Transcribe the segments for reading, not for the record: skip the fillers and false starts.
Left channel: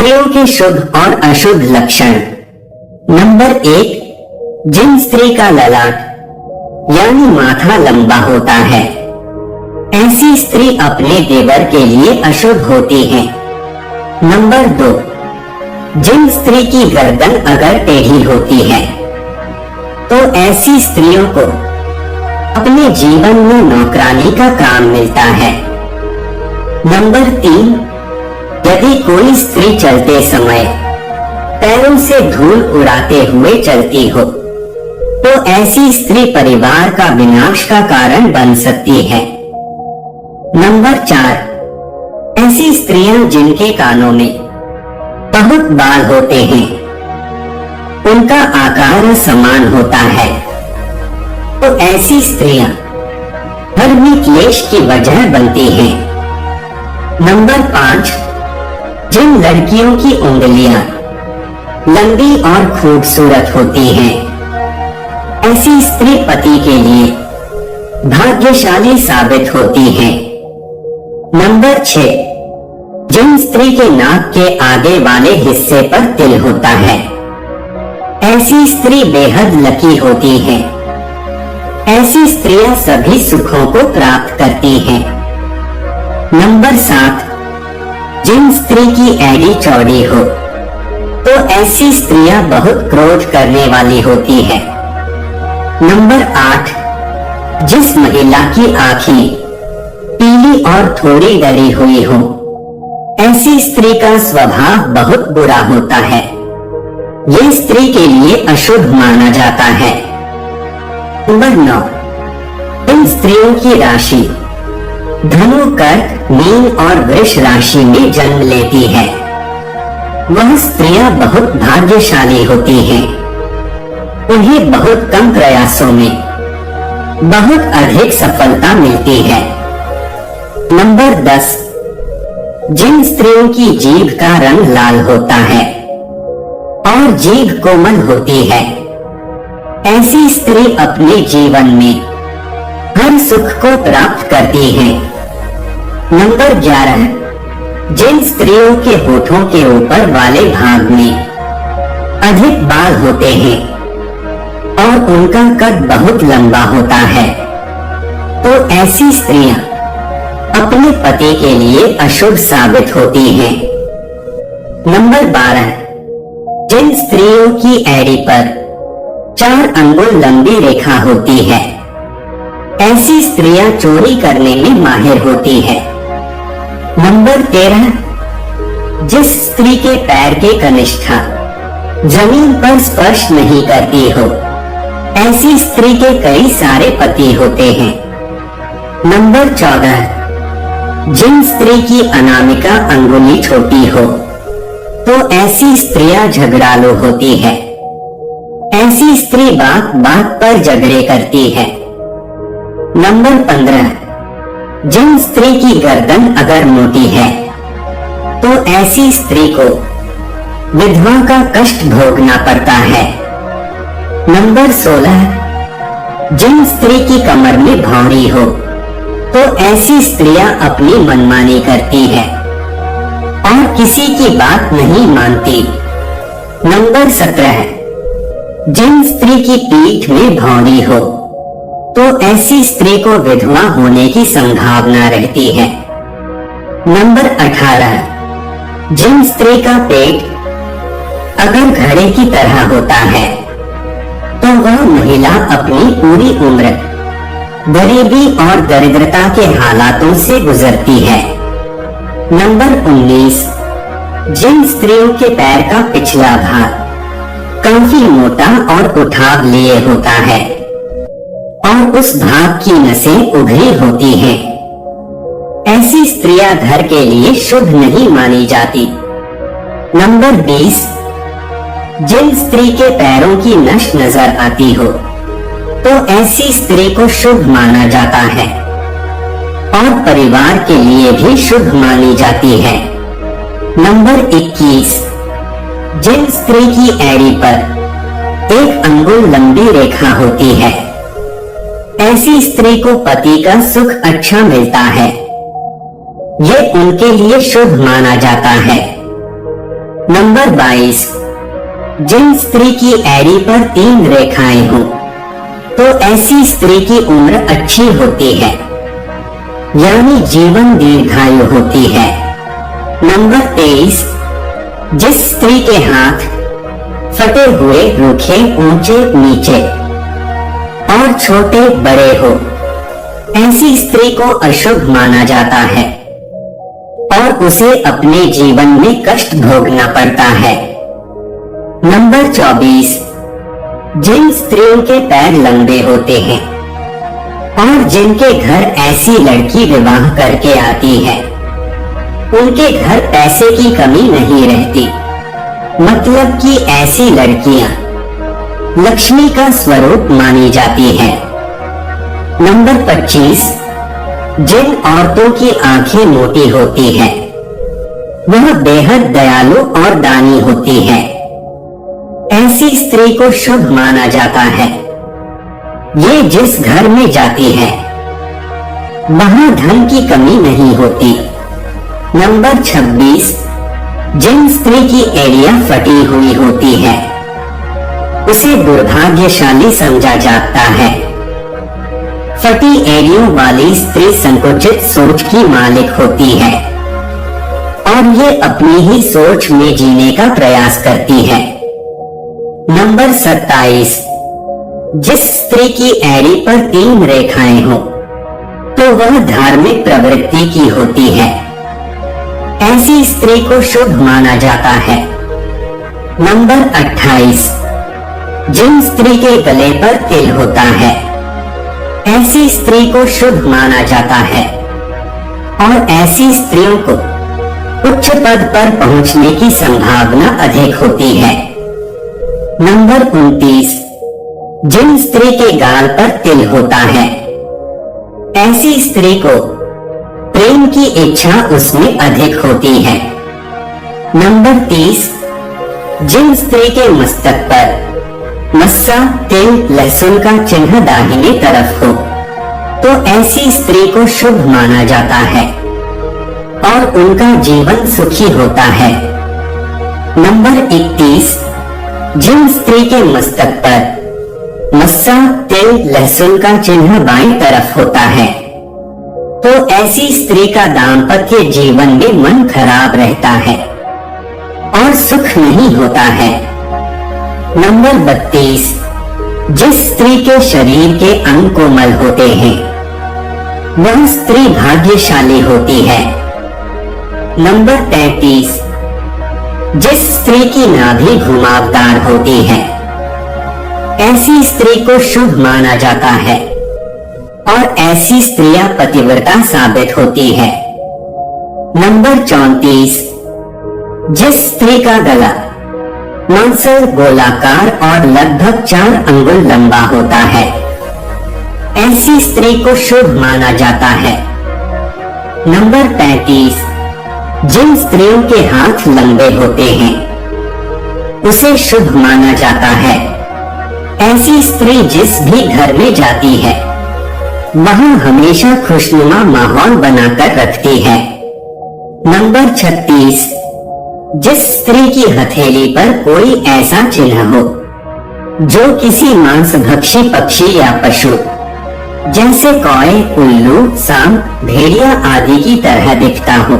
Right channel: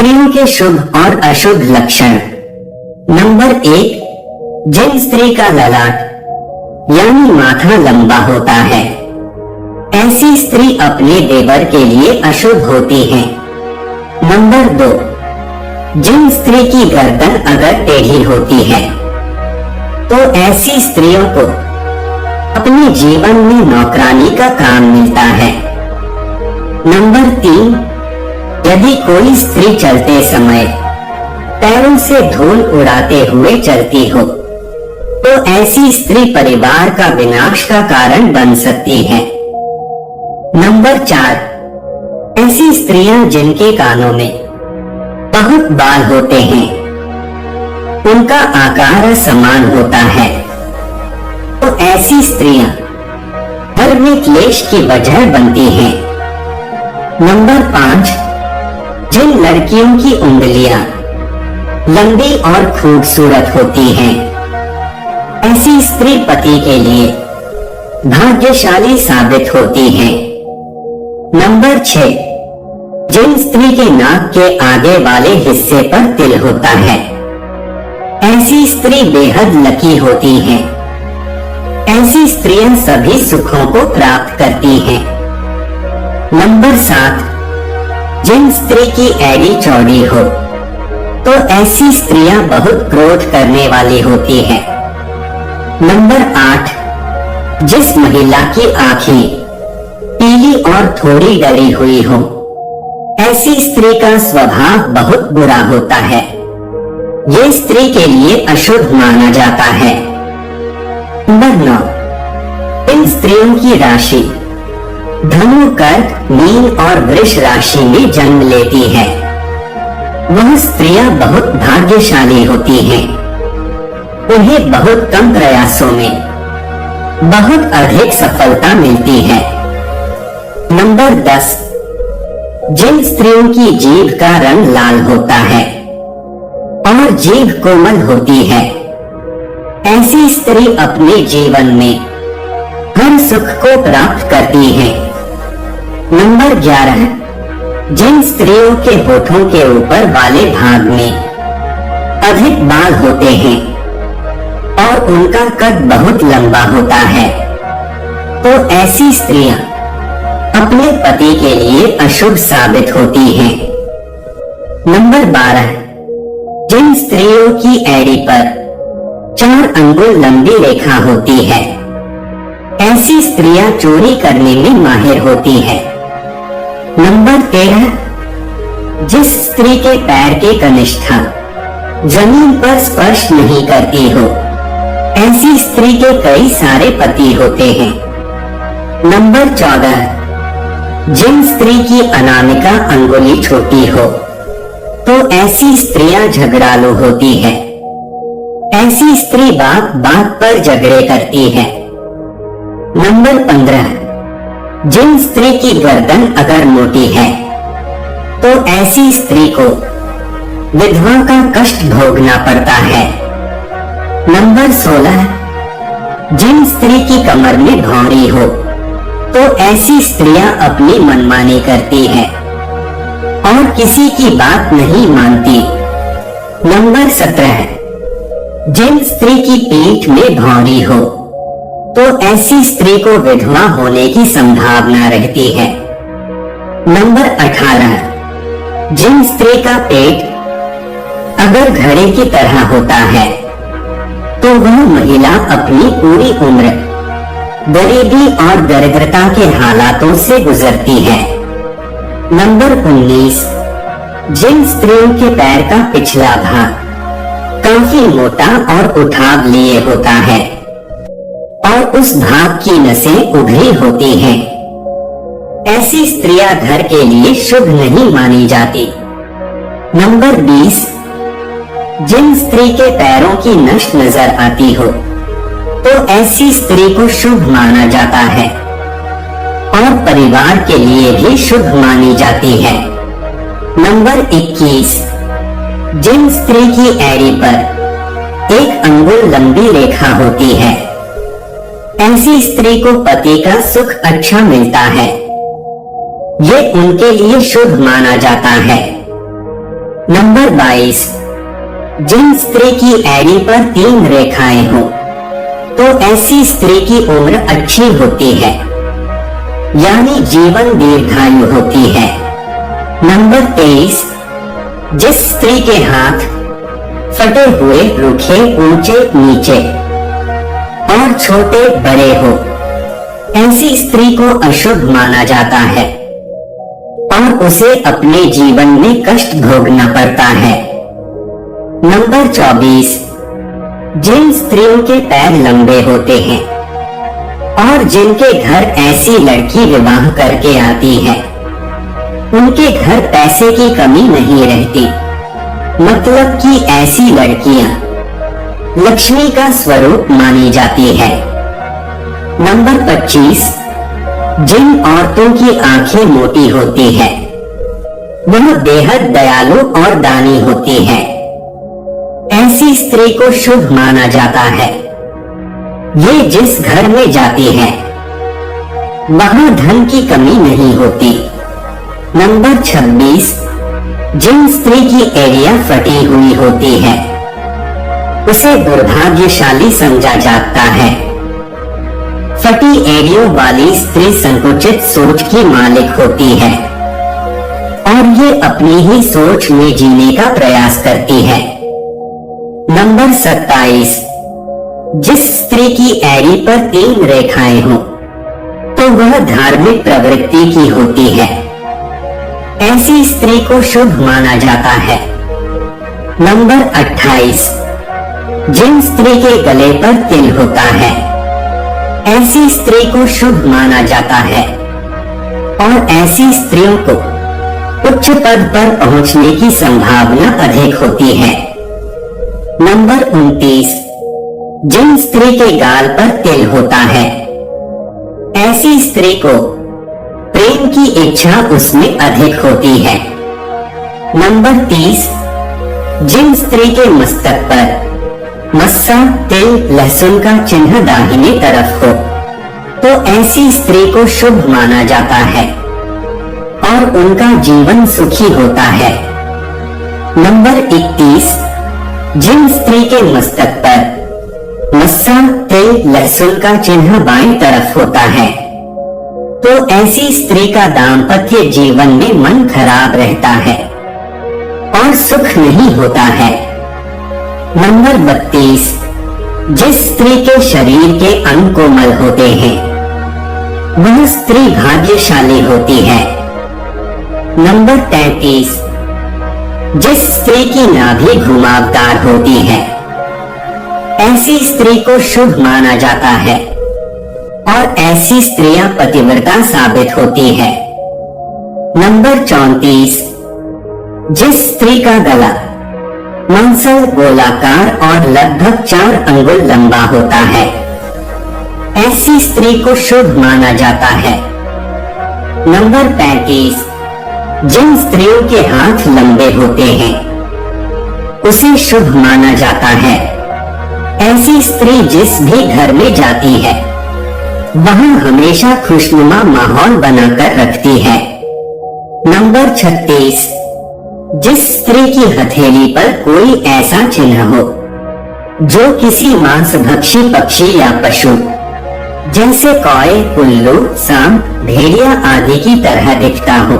स्त्रियों के शुभ और अशुभ लक्षण। नंबर 1, जिन स्त्री का ललाट यानी माथा लंबा होता है, ऐसी स्त्री अपने देवर के लिए अशुभ होती है। नंबर 2, जिन स्त्री की गर्दन अगर टेढ़ी होती है, तो ऐसी स्त्रियों को अपने जीवन में नौकरानी का काम मिलता है। नंबर 3, यदि कोई स्त्री चलते समय पैरों से धूल उड़ाते हुए चलती हो, तो ऐसी स्त्री परिवार का विनाश का कारण बन सकती है। नंबर 4, ऐसी स्त्रियां जिनके कानों में बहुत बाल होते हैं, उनका आकार समान होता है, तो ऐसी स्त्रियां घर में क्लेश की वजह बनती हैं। नंबर 5, जिन लड़कियों की उंगलियां लंबी और खूबसूरत होती हैं, ऐसी स्त्री पति के लिए भाग्यशाली साबित होती है। नंबर 6, जिन स्त्री के नाक के आगे वाले हिस्से पर तिल होता है, ऐसी स्त्री बेहद लकी होती है। ऐसी स्त्रियां सभी सुखों को प्राप्त करती हैं। नंबर 7, जिन स्त्री की एड़ी चौड़ी हो, तो ऐसी स्त्रियां बहुत क्रोध करने वाली होती है। नंबर 8, जिस महिला की आंखें पीली और थोड़ी डरी हुई हो, ऐसी स्त्री का स्वभाव बहुत बुरा होता है। ये स्त्री के लिए अशुभ माना जाता है। नंबर 9, इन स्त्रियों की राशि धनु, कर्क, मीन और वृष राशि में जन्म लेती है। वह स्त्रियां बहुत भाग्यशाली होती हैं। उन्हें बहुत कम प्रयासों में बहुत अधिक सफलता मिलती है। नंबर 10, जिन स्त्रियों की जीभ का रंग लाल होता है और जीभ कोमल होती है, ऐसी स्त्री अपने जीवन में हर सुख को प्राप्त करती है। नंबर 11, जिन स्त्रियों के होठों के ऊपर वाले भाग में अधिक बाल होते हैं और उनका कद बहुत लंबा होता है, तो ऐसी स्त्रियां अपने पति के लिए अशुभ साबित होती हैं। नंबर 12, जिन स्त्रियों की एड़ी पर 4 अंगुल लंबी रेखा होती है, ऐसी स्त्रियां चोरी करने में माहिर होती है। नंबर 13, जिस स्त्री के पैर की कनिष्ठा जमीन पर स्पर्श नहीं करती हो, ऐसी स्त्री के कई सारे पति होते हैं। नंबर 14, जिन स्त्री की अनामिका अंगुली छोटी हो, तो ऐसी स्त्रियां झगड़ालू होती है। ऐसी स्त्री बात बात पर झगड़े करती है। नंबर 15, जिन स्त्री की गर्दन अगर मोटी है, तो ऐसी स्त्री को विधवा का कष्ट भोगना पड़ता है। नंबर 16, जिन स्त्री की कमर में भौंरी हो, तो ऐसी स्त्रियां अपनी मनमानी करती हैं और किसी की बात नहीं मानती। नंबर 17, जिन स्त्री की पीठ में भौंरी हो, तो ऐसी स्त्री को विधवा होने की संभावना रहती है। नंबर 18, जिन स्त्री का पेट अगर घड़े की तरह होता है, तो वह महिला अपनी पूरी उम्र गरीबी और दरिद्रता के हालातों से गुजरती है। नंबर 19, जिन स्त्रियों के पैर का पिछला भाग काफी मोटा और उठाव लिए होता है और उस भाग की नसें उभरी होती हैं, ऐसी स्त्रियां घर के लिए शुभ नहीं मानी जाती। नंबर 20, जिन स्त्री के पैरों की नस नजर आती हो, तो ऐसी स्त्री को शुभ माना जाता है और परिवार के लिए भी शुभ मानी जाती है। नंबर 21, जिन स्त्री की एड़ी पर 1 अंगुल लंबी रेखा होती है, ऐसी स्त्री को पति का सुख अच्छा मिलता है। ये उनके लिए शुभ माना जाता है। नंबर 22, जिन स्त्री की एड़ी पर 3 रेखाएं हो तो ऐसी स्त्री की उम्र अच्छी होती है, यानी जीवन दीर्घायु होती है। नंबर 23, जिस स्त्री के हाथ फटे हुए, रूखे, ऊंचे नीचे और छोटे बड़े हो, ऐसी स्त्री को अशुभ माना जाता है और उसे अपने जीवन में कष्ट भोगना पड़ता है। नंबर 24, जिन स्त्रियों के पैर लंबे होते हैं और जिनके घर ऐसी लड़की विवाह करके आती है, उनके घर पैसे की कमी नहीं रहती, मतलब कि ऐसी लड़कियां लक्ष्मी का स्वरूप मानी जाती है। नंबर 25, जिन औरतों की आंखें मोटी होती है वह बेहद दयालु और दानी होती है, ऐसी स्त्री को शुभ माना जाता है। ये जिस घर में जाती है वहां धन की कमी नहीं होती। नंबर 26, जिन स्त्री की एड़ियां फटी हुई होती है उसे दुर्भाग्यशाली समझा जाता है। फटी एड़ियों वाली स्त्री संकुचित सोच की मालिक होती है और ये अपनी ही सोच में जीने का प्रयास करती है। नंबर 27, जिस स्त्री की एड़ी पर 3 रेखाएं हो तो वह धार्मिक प्रवृत्ति की होती है, ऐसी स्त्री को शुभ माना जाता है। नंबर 28, जिन स्त्री के गले पर तिल होता है ऐसी स्त्री को शुभ माना जाता है और ऐसी स्त्रियों को उच्च पद पर पहुंचने की संभावना अधिक होती है। नंबर 29, जिन स्त्री के गाल पर तिल होता है ऐसी स्त्री को प्रेम की इच्छा उसमें अधिक होती है। नंबर 30, जिन स्त्री के मस्तक पर मस्सा, तिल, लहसुन का चिन्ह दाहिने तरफ हो तो ऐसी स्त्री को शुभ माना जाता है और उनका जीवन सुखी होता है। नंबर 31, जिन स्त्री के मस्तक पर मस्सा, तिल, लहसुन का चिन्ह बाईं तरफ होता है तो ऐसी स्त्री का दाम्पत्य जीवन में मन खराब रहता है और सुख नहीं होता है। नंबर 32, जिस स्त्री के शरीर के अंग कोमल होते हैं वह स्त्री भाग्यशाली होती है। नंबर 33, जिस स्त्री की नाभि घुमावदार होती है ऐसी स्त्री को शुभ माना जाता है और ऐसी स्त्रियां पतिव्रता साबित होती है। नंबर 34, जिस स्त्री का गला मंसल, गोलाकार और लगभग 4 अंगुल लंबा होता है ऐसी स्त्री को शुभ माना जाता है। नंबर 35, जिन स्त्रियों के हाथ लंबे होते हैं उसे शुभ माना जाता है। ऐसी स्त्री जिस भी घर में जाती है वहां हमेशा खुशनुमा माहौल बनाकर रखती है। नंबर 36, जिस स्त्री की हथेली पर कोई ऐसा चिन्ह हो जो किसी मांसभक्षी पक्षी या पशु जैसे कौए, उल्लू, सांप, भेड़िया आदि की तरह दिखता हो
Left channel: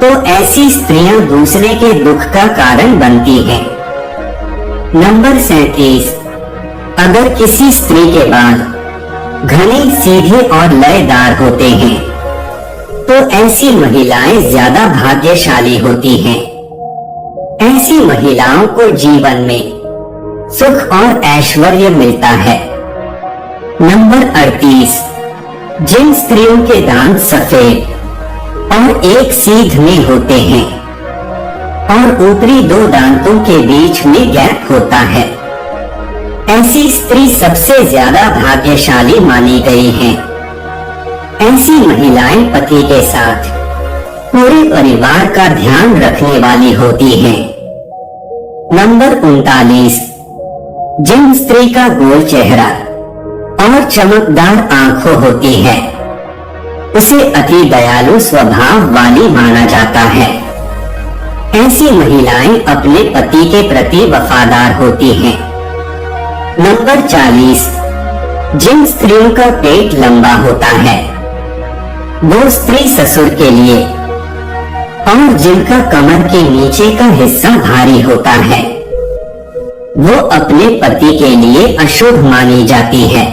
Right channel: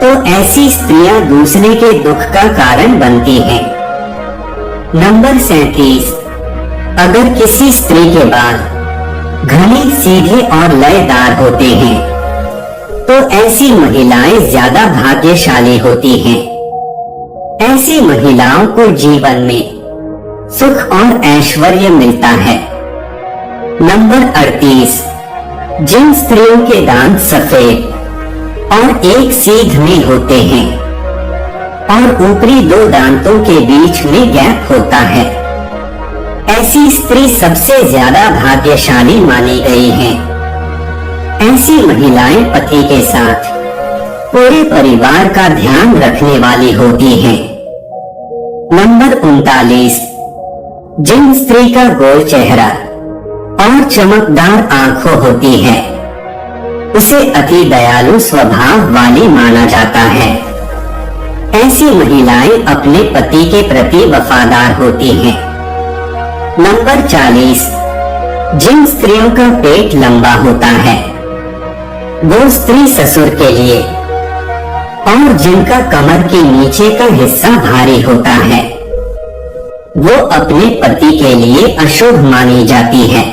तो ऐसी स्त्रियां दूसरे के दुख का कारण बनती हैं। नंबर 37, अगर किसी स्त्री के बाल घने, सीधे और लयदार होते हैं तो ऐसी महिलाएं ज्यादा भाग्यशाली होती हैं। ऐसी महिलाओं को जीवन में सुख और ऐश्वर्य मिलता है। नंबर 38, जिन स्त्रियों के दांत सफेद और एक सीध में होते हैं और ऊपरी 2 दांतों के बीच में गैप होता है ऐसी स्त्री सबसे ज्यादा भाग्यशाली मानी गई है। ऐसी महिलाएं पति के साथ पूरे परिवार का ध्यान रखने वाली होती हैं। नंबर 39, जिन स्त्री का गोल चेहरा और चमकदार आंखें होती है उसे अति दयालु स्वभाव वाली माना जाता है। ऐसी महिलाएं अपने पति के प्रति वफादार होती हैं। नंबर 40, जिन स्त्रियों का पेट लंबा होता है वो स्त्री ससुर के लिए, और जिनका कमर के नीचे का हिस्सा भारी होता है वो अपने पति के लिए अशुभ मानी जाती है।